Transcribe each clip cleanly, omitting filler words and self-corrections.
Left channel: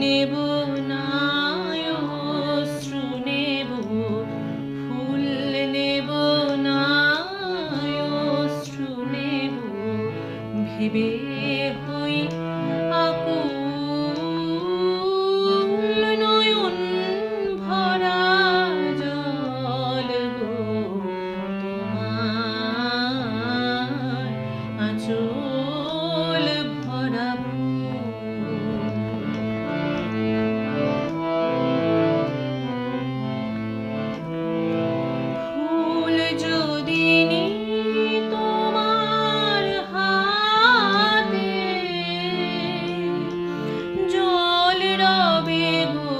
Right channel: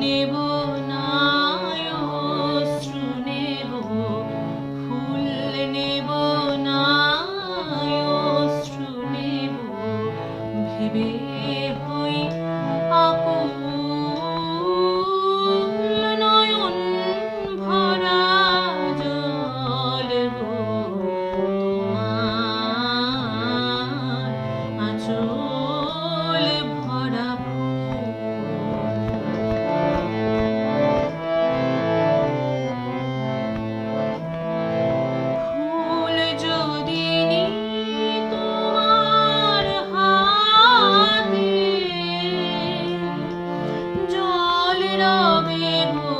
নেব না অশ্রু নেব, ফুল নেব না অশ্রু নেব, ভেবে হই আকুল নয়ন ভরা জল গো, তোমার আঁচল ভরা ফুল যদি নিই তোমার হাতে, জল রবে গো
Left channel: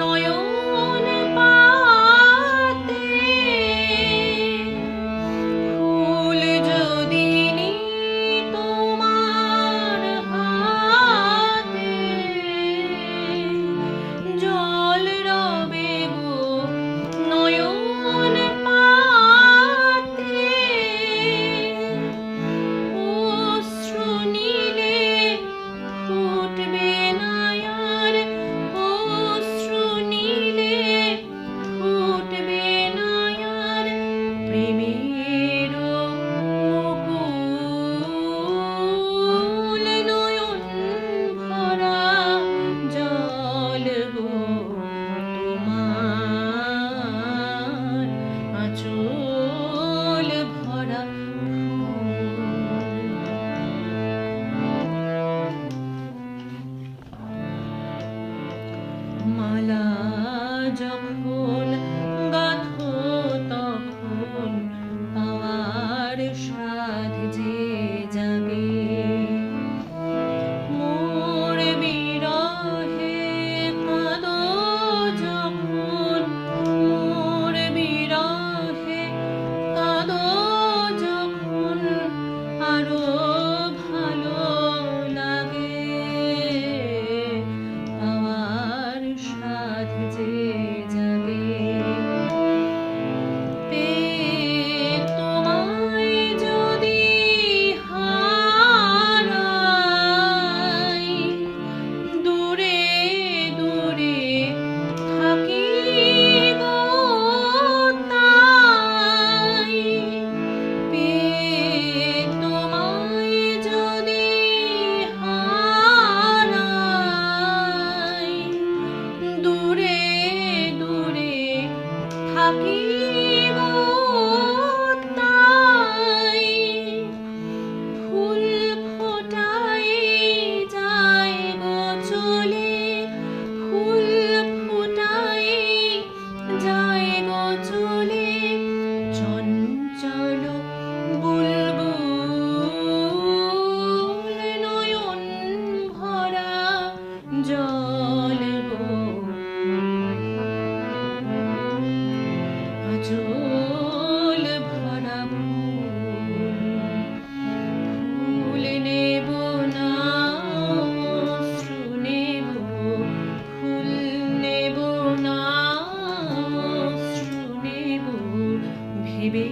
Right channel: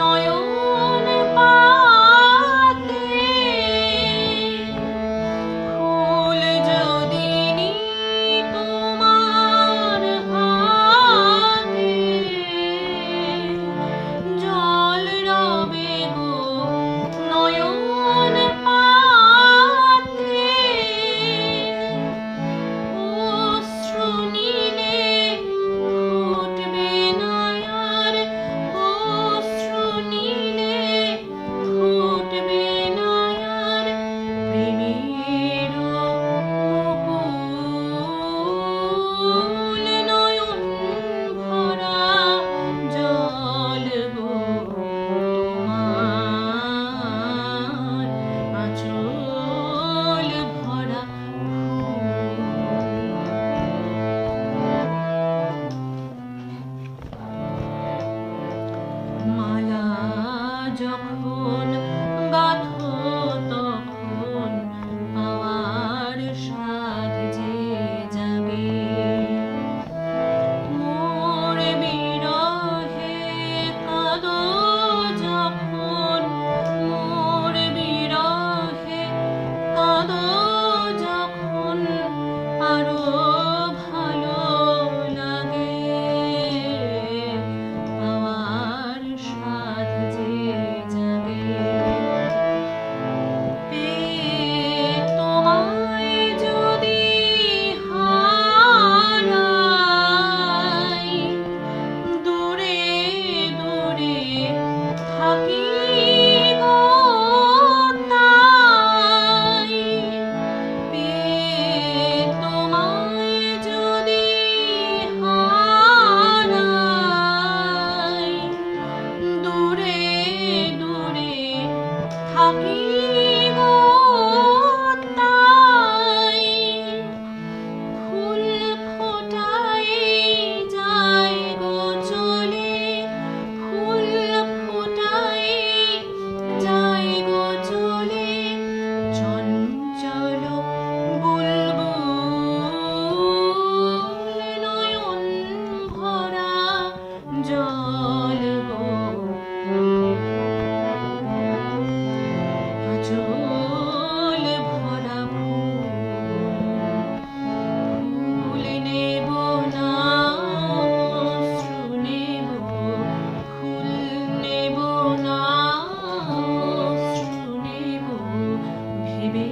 নয়ন পাতে। ফুল যদি নিই তোমার হাতে, জল রবে গো নয়ন পাতে। অশ্রু নিলে ফুটবে না আর, অশ্রু নিলে ফুটবে না আর, প্রেমের মুকুল নয়ন ভরা জল গো, তোমার আঁচল ভরা মালা যখন গাঁথো তখন পাওয়ার স্বাদ যে জাগে। মোর বিরহে কাঁদো যখন, মোর বিরহে কাঁদো যখন, আরো ভালো লাগে পাওয়ার স্বাদ যে জাগে। পেয়ে তোমায় যদি হারাই, দূরে দূরে থাকি গো তাই। পেয়ে তোমায় যদি হারাই, দূরে দূরে থাকি গো তাই। ফুল ফোটাই যাই গো চলে, ফুল ফোটাই যাই গো চলে, চঞ্চল বুলবুল নয়ন ভরা জল গো, আঁচল ভরা ফুল নেব না অশ্রু নেব, ফুল নেব না অশ্রু নেব, ভেবে